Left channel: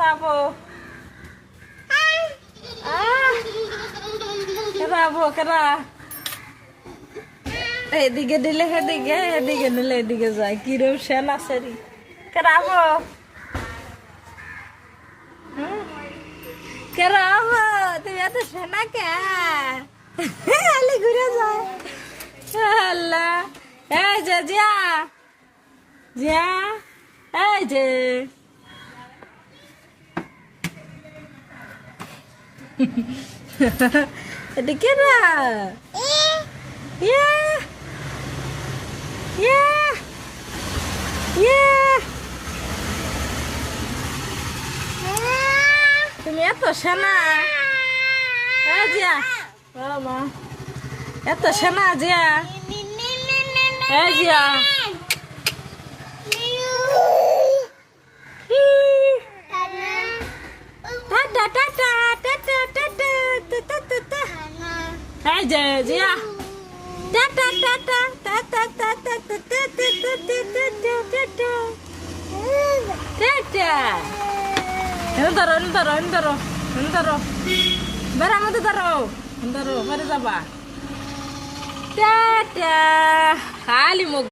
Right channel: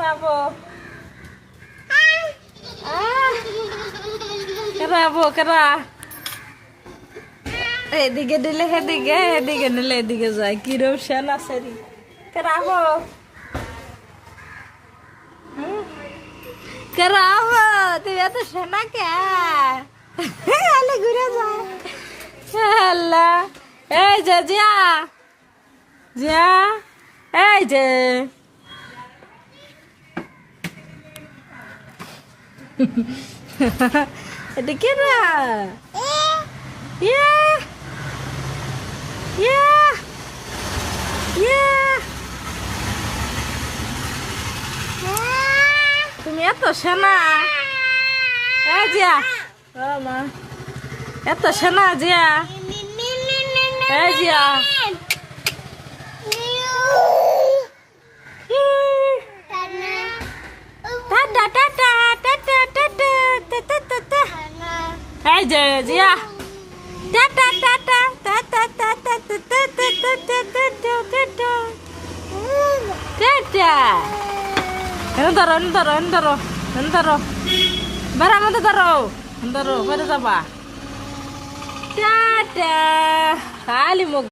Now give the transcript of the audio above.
রাবো রাবো কেরা এদিকে দিলে সেদিকে এদিকে নিলে এদিকে যায় কিরম সেন আছে রে কেরাবো কেরাবো তুমি এত সেনা কে আলে ঘুরে যায় আল্লাহ এই যে জিয়া জিয়া এই যে এটা কেরা Yeah. Yeah. Yeah. তুমি এত সেনা জিয়া মা এত সেনা Zia Zia tata tata tata tata tata tata এই যে Zia tata tata tata tata tata tata tata tata ধরো ধরো ধরো ধরো বেড়ার মধ্যে ধরো ধরো বেড়ে যাবা টাটা খালি মুখ